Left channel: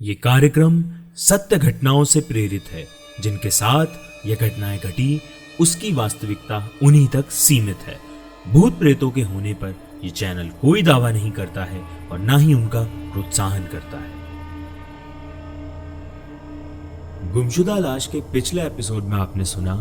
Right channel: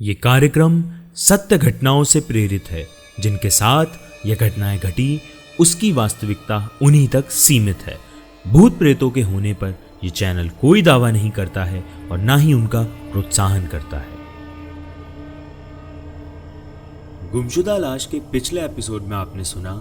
ये कार्यक्रम सत्य घटनाओं से प्रेरित है। जिनके साथ ये घटनाएं घटी उसकी वास्तविकता उन्हीं तक सीमित है। भूत प्रेतों के होने पर ये चैनल कोई दावा नहीं करता है और ना ही उनका प्रोत्साहन करता है। गुमशुदा लाश के पिछले एपिसोड में आपने सुना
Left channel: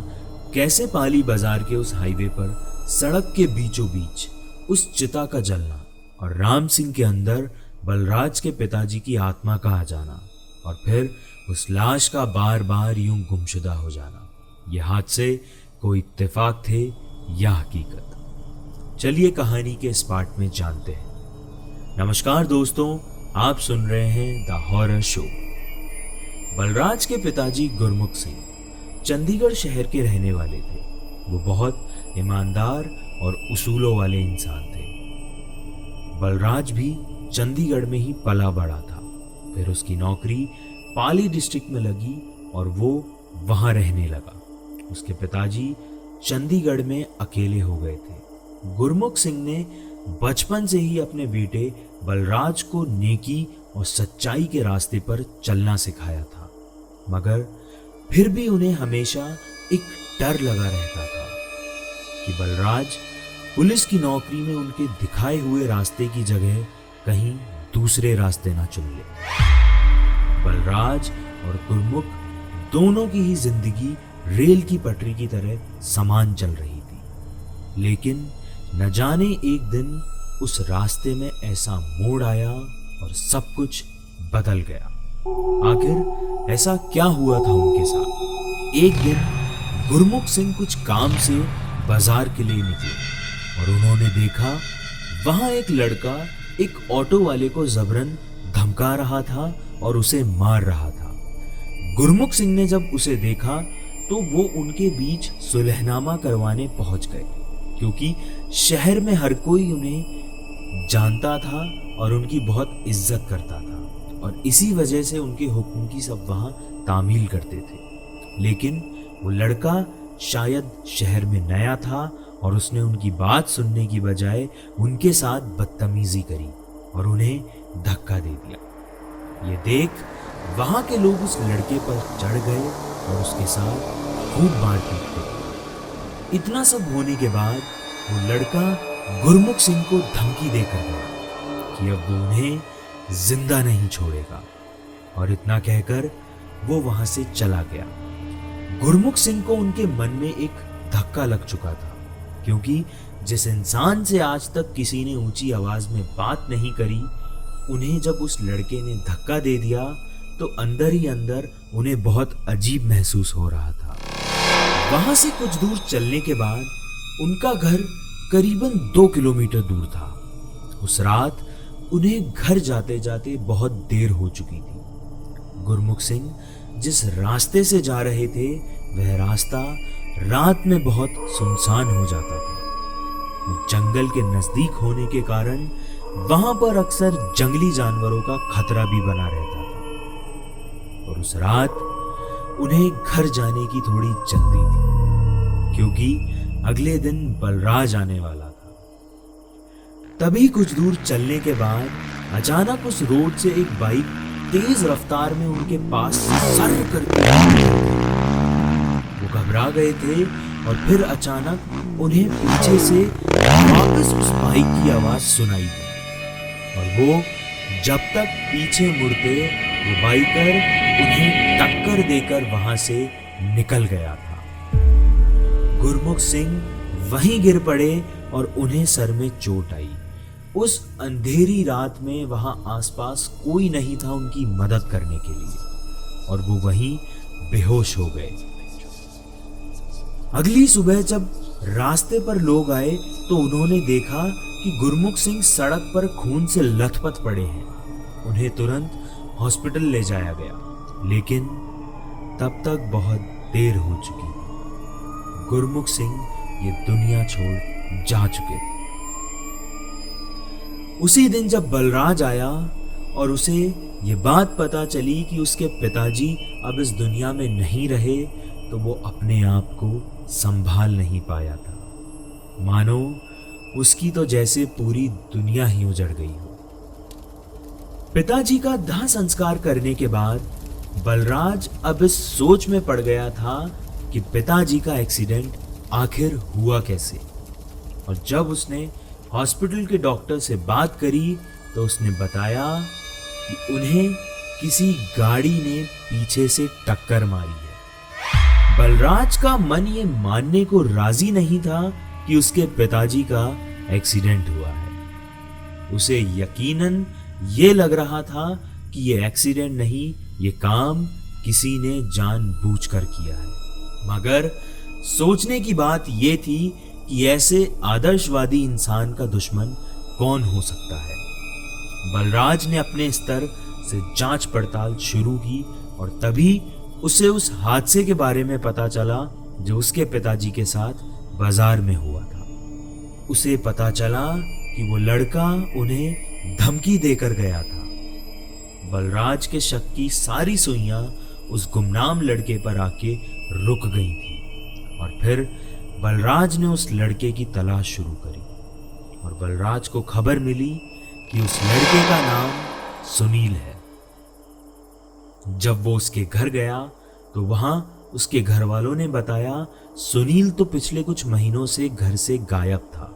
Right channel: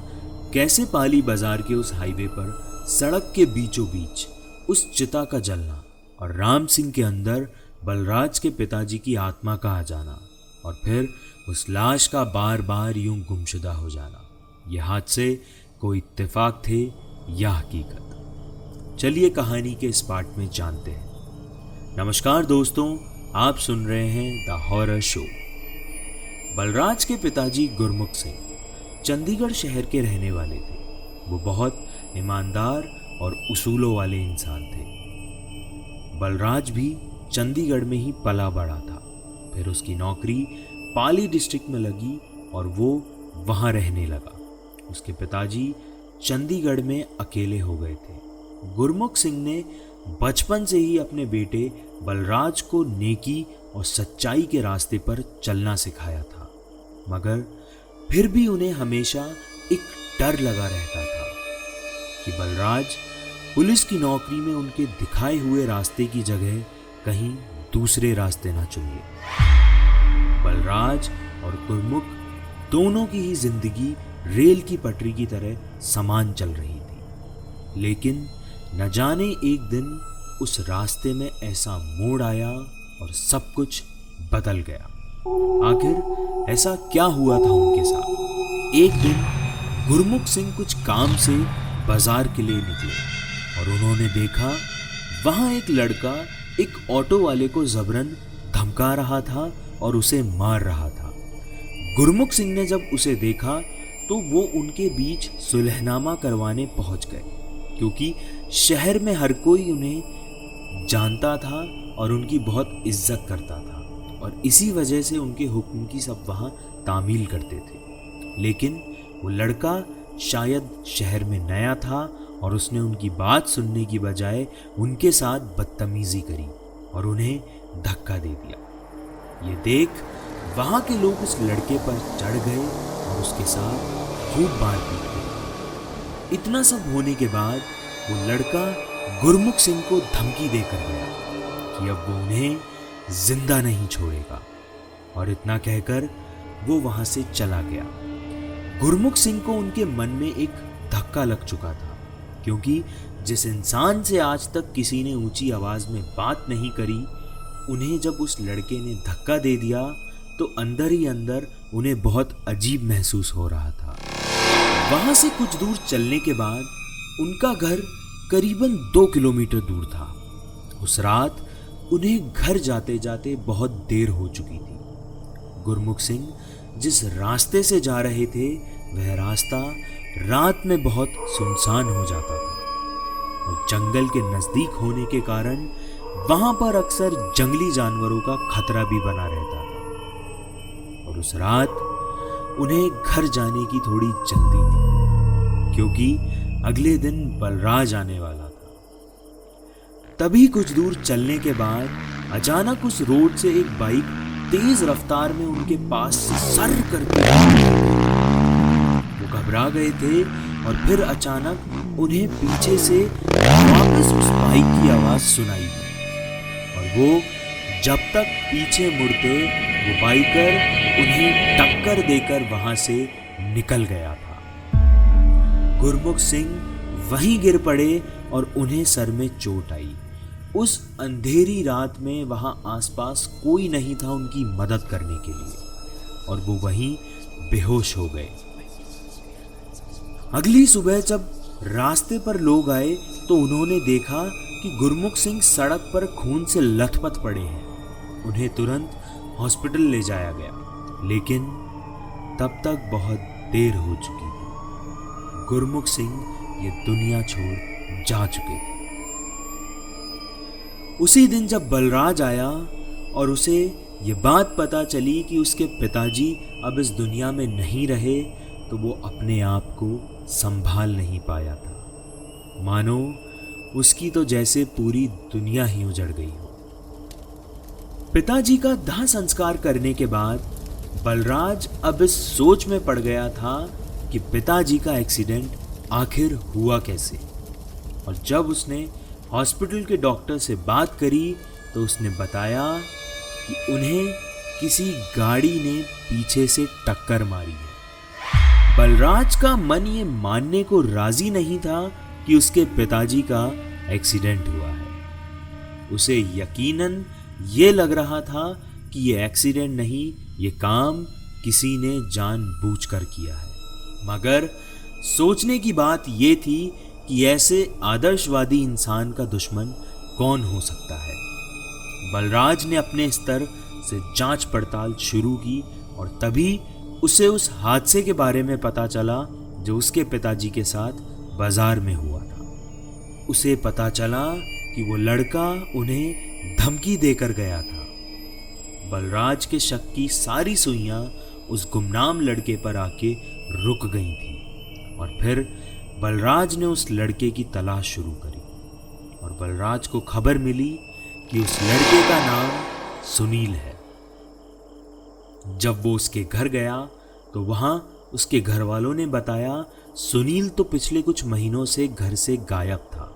कैसे पाली बाजार के उस हाईवे पर सड़क के बीचों बीच उस चिता का जलना और राम सिंह के अंदर बलराज के पिताजी की आत्मा का आ जाना और फिर उस लाश का बार बार यूं गुमशुदा हो जाना। ये हादसे कोई इत्तेफाक थे या हकीकत? चलिए कहानी के इस पार्ट में जानते हैं। नमस्कार दोस्तों, आप सुन रहे हैं द हॉरर शो। बलराज के पिताजी गुरमुख सिंह चंडीगढ़ शहर के रहने वाले थे। वो बहुत ईमानदार और उसूलों वाले इंसान थे। बलराज भी चंडीगढ़ में ही पला बड़ा था। फिर उसकी नौकरी पाली डिस्ट्रिक्ट में लगी और वो वहां रहने लगा। उसके पिताजी चंडीगढ़ में अकेले हो गए थे। गुरमुख सिंह ने बचपन से ही अपने बेटे बलराज को नेकी और सच्चाई के रास्ते पर चलना सिखाया था, मगर फिर भी उन्हें हमेशा एक डर लगा रहता था कि बलराज पुलिस की नौकरी में उनके दिखाए हुए रास्ते की जगह कहीं दूसरे रास्ते ना चुन ले। बलराज और गुरमुख दोनों की ही जिंदगी रेल की पटरी की तरह समान चल रही थी, लेकिन न जाने एक दिन उस रास्ते में ऐसा मोड़ आया और सब कुछ बदल गया। आखिर ऐसा क्या हुआ था उनके साथ? एक दिन गुरमुख सिंह कुछ काम से बाजार के लिए निकले और उन्होंने देखा वहां एक लड़का एक ऑटो वाले को जबरन धमका रहा था और उसे मार रहा था। गुरमुख सिंह ने जब उसे देखा तो वो उनके बीच सुलहनामा करवाने पहुंच गए, क्योंकि शहर में हर कोई उन्हें जानता था और उनकी बहुत इज्जत करता था और इसी वजह से उनके हुक्म की सब वहां तामील करते थे। लेकिन वो लड़का शायद शहर में नया था और उसने उनकी बात सुनने की बजाय उनके साथ बदतमीजी करी और उन्हें धक्का दे दिया। ये देख वहां के लोग उस लड़के पर चढ़ गए और उसके साथ खूब मारपीट की। इतना सब होने के बाद वो लड़का गुरमुख सिंह को धमकी देकर गया कि अब वो उन्हें जिंदा नहीं छोड़ेगा और इतना कहकर वो वहां से चला गया। गुरमुख सिंह को उनके मन में एक धक्का लग चुका था, क्योंकि जिस इंसान से आज तक किसी ने ऊंची आवाज में बात नहीं करी, उन्हें जब उस लड़के ने धक्का दे दिया तो अंदर ही अंदर उन्हें बहुत अजीब महसूस हो रहा था। वहां से कुछ दूर चलने के बाद उनका घर करीबन 2 किलोमीटर दूर था। उस रात उन्हें घर जाते जाते बहुत देर हो चुकी थी। गुरमुख सिंह जिस रास्ते से जा रहे थे वह रास्ता रात में बहुत सुनसान हो जाता था और जंगल के नजदीक होने के कारण वहां पर अक्सर जंगली जानवरों का खतरा भी बना रहता था। और उस रात उन्हें घर जाने की थोड़ी जल्दी थी, क्योंकि अगले दिन बलराज आने वाला था। तभी कुछ दूर चलने के बाद अचानक उस रोड से एक बाइक तेज रफ्तार में उनके पास सर करके वो घबरा गए थे और फिर अचानक उन्हें पीछे से वापस उस बाइक की आवाज सुनाई दी और वो जब तक पीछे मुड़ते वो बाइकर उन्हें टक्कर देकर वहां से निकल गया था। गुरमुख सिंह वहीं गिर पड़े और उन्हें सर में चोट आई। उस अंधेरी रात में वहां आसपास कोई नहीं था उनकी मदद करने के लिए और वो वहीं बेहोश हो गए। अगली सुबह जब रास्ते पर लोग आए तो उन्होंने देखा कि गुरमुख सिंह सड़क पर खून से लथपथ पड़े हैं। उन्हें तुरंत हॉस्पिटल ले जाया गया, लेकिन तब तक बहुत देर हो चुकी थी। गुरमुख सिंह ये दुनिया छोड़ जा चुके थे। उसी दिन जब बलराज आया और उसे ये बात पता चली कि उसके पिताजी अब इस दुनिया में नहीं रहे, तो वो अपने आप को संभाल नहीं पाया था। मानो उसकी तो जैसे पूरी दुनिया ही उजड़ गई हो। पिताजी का दाह संस्कार करने के बाद बलराज अब इस सोच में पड़ गया था कि पिताजी का एक्सीडेंट आखिर हुआ कैसे। और जब उसने हॉस्पिटल के डॉक्टर से बात करी तो उसने बताया कि उन्हें किसी गाड़ी ने पीछे से टक्कर मारी है। बलराज का मन ये मानने को राजी नहीं था कि उसके पिताजी का एक्सीडेंट हुआ है। उसे यकीनन ये लग रहा था कि ये एक्सीडेंट नहीं, ये काम किसी ने जानबूझकर किया है। मगर सोचने की बात ये थी कि ऐसे आदर्शवादी इंसान का दुश्मन कौन हो सकता है। बलराज ने अपने स्तर से जांच पड़ताल शुरू की और तभी उसे उस हादसे के बारे में पता चला जो उसके पिताजी के साथ बाजार में हुआ था। उसे पता चला कि वो लड़का उन्हें धमकी देकर गया था। बलराज के शक की सारी सुइयां उस गुमनाम लड़के पर आके रुक गई थी और फिर बलराज ने उस लड़के की तलाश शुरू करी और बलराज को खबर मिली कि उस लड़के का नाम सुनील है। जब वो उसके घर गया तो वहां उसके घर वालों ने बताया सुनील तो पिछले कुछ महीनों से घर से गायब था।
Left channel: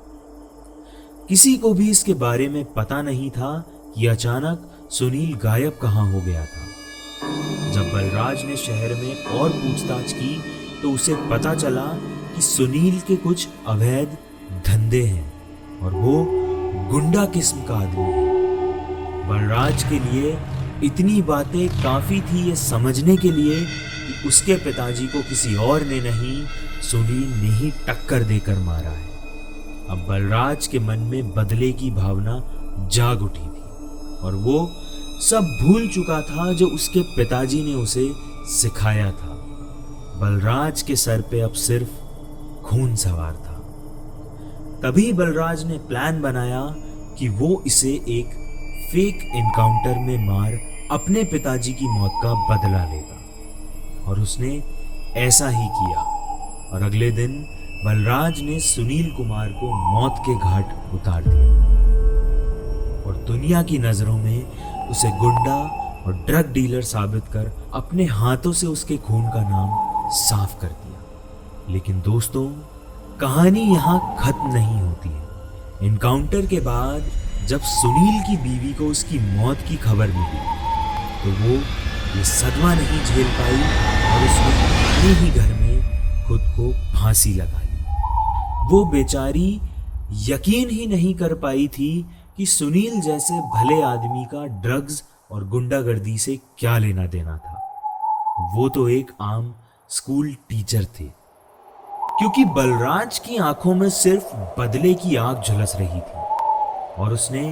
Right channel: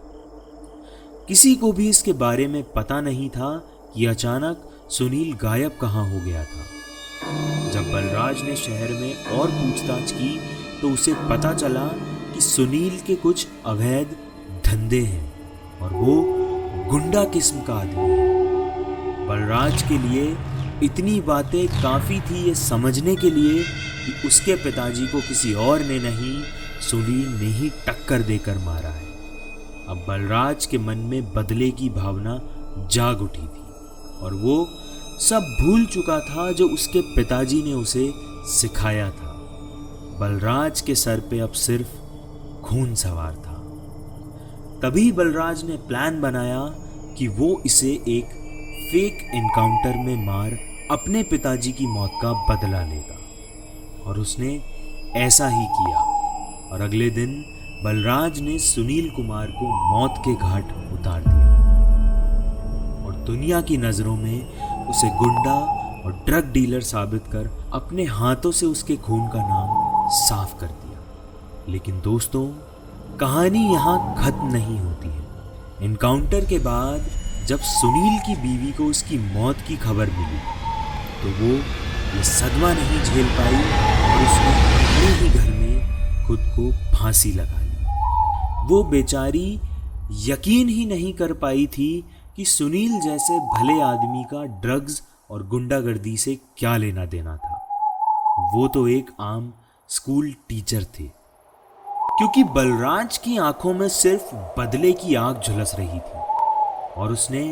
किसी को भी इसके बारे में पता नहीं था कि अचानक सुनील गायब कहां हो गया था। जब बलराज ने शहर में और पूछताछ की तो उसे पता चला कि सुनील के कुछ अवैध धंधे हैं और वो गुंडा किस्म का आदमी है। बलराज के लिए इतनी बातें काफी थी ये समझने के लिए कि उसके पिताजी को किसी और ने नहीं, सुनील ने ही टक्कर देकर मारा है। अब बलराज के मन में बदले की भावना जाग उठी थी और वो सब भूल चुका था जो उसके पिताजी ने उसे सिखाया था। बलराज के सर पे अब सिर्फ खून सवार था। तभी बलराज ने प्लान बनाया कि वो इसे एक फेक एनकाउंटर में मार अपने पिताजी की मौत का बदला लेगा और उसने ऐसा ही किया। और अगले दिन बलराज ने सुनील कुमार को मौत के घाट उतार दिया और दुनिया की नजरों में उसे गुंडा और ड्रग डीलर साबित कर अपने हाथों से उसके खून का नाम साफ कर दिया। लेकिन दोस्तों, कहानी यहाँ खत्म नहीं होती है। एनकाउंटर के बाद जब सुनील की बीवी को उसकी मौत की खबर मिली तो वो ये सदमा नहीं झेल पाई और उसने अपने ही घर में खुद को फांसी लगा ली। वो बेचारी यकीन ही नहीं कर पाई थी कि सुनील जैसे भले आदमी का ड्रग्स और गुंडागर्दी से क्या लेना देना था। वो तो एक आम स्कूल टीचर थे। क्योंकि बलराज की आंखों में सिर्फ बदले की आग झुलस रही थी और उसने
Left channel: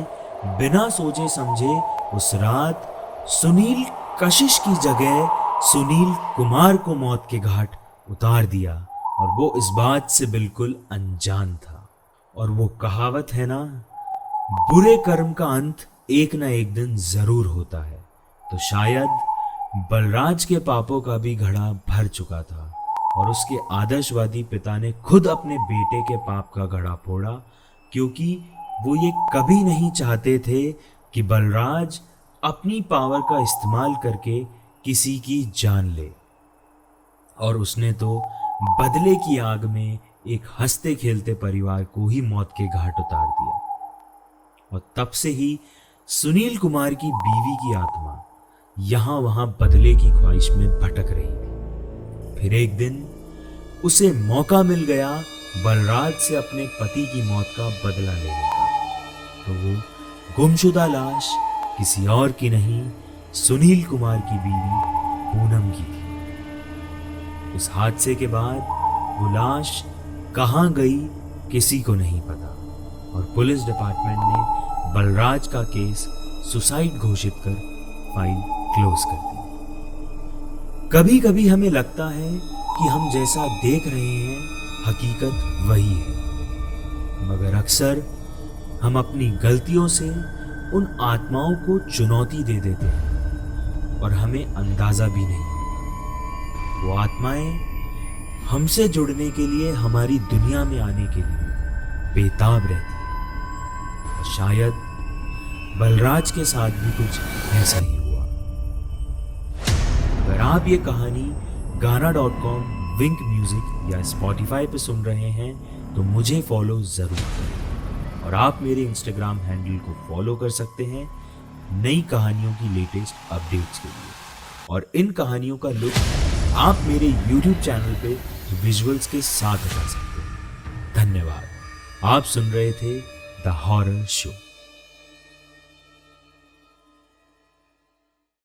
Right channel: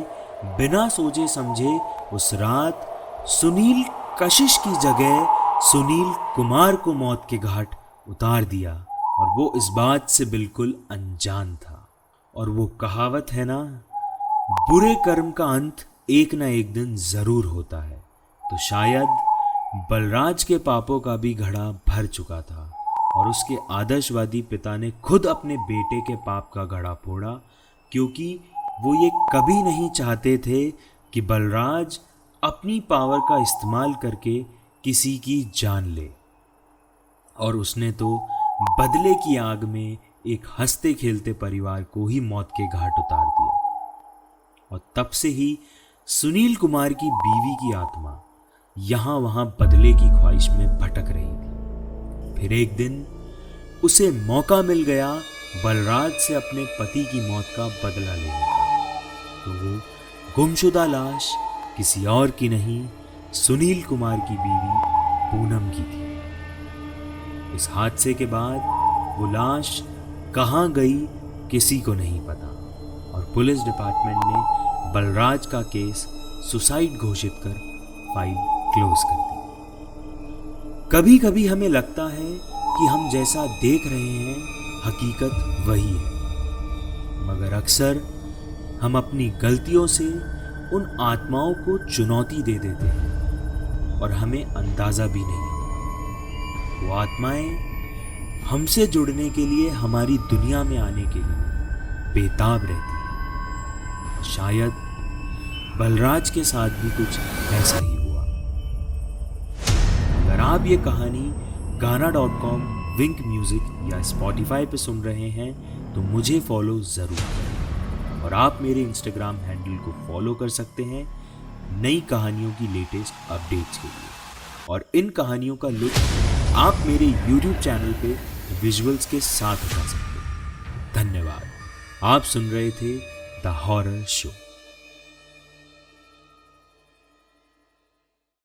बिना सोचे समझे उस रात सुनील कशिश की जगह सुनील कुमार को मौत के घाट उतार दिया और वो इस बात से बिल्कुल अनजान था। और वो कहावत है ना, बुरे कर्म का अंत एक ना एक दिन जरूर होता है। तो शायद बलराज के पापों का भी घड़ा भर चुका था और उसके आदर्शवादी पिता ने खुद अपने बेटे के पाप का घड़ा फोड़ा, क्योंकि वो ये कभी नहीं चाहते थे कि बलराज अपनी पावर का इस्तेमाल करके किसी की जान ले। और उसने तो बदले की आग में एक हंसते खेलते परिवार को ही मौत के घाट उतार दिया। और तब से ही सुनील कुमार की बीवी की आत्मा यहां वहां बदले की ख्वाहिश में भटक रही थी। फिर एक दिन उसे मौका मिल गया बलराज से अपने पति की मौत का बदला लेने का। तो वो गुमशुदा लाश किसी और की नहीं, सुनील कुमार की बीवी पूनम की थी। उस हादसे के बाद वो लाश कहां गई किसी को नहीं पता और पुलिस डिपार्टमेंट ने बलराज का केस सुसाइड घोषित कर फाइल क्लोज कर दी। कभी कभी हमें लगता है कि हम जैसा देख रहे हैं हकीकत वही है, मगर अक्सर हम अपनी गलतियों से उन आत्माओं को चुनौती दे देते हैं और हमें अंदाजा भी नहीं होता। वो आत्माएं हमसे जुड़ने के लिए, हमारी दुनिया में आने के लिए बेताब रहती है। शायद बलराज के साथ भी कुछ ऐसा ही हुआ। अगर आप ये कहानी गाना.com, विंक म्यूजिक या स्पॉटिफाई पे सुन रहे हैं तो मुझे फॉलो जरूर करें और आप मेरे इंस्टाग्राम हैंडल को फॉलो कर सकते हैं नई कहानियों की लेटेस्ट अपडेट्स के लिए। और इन कहानियों का लुत्फ आप मेरे यूट्यूब चैनल पे विजुअल्स के साथ उठा सकते हैं। धन्यवाद। आप सुन रहे थे द हॉरर शो।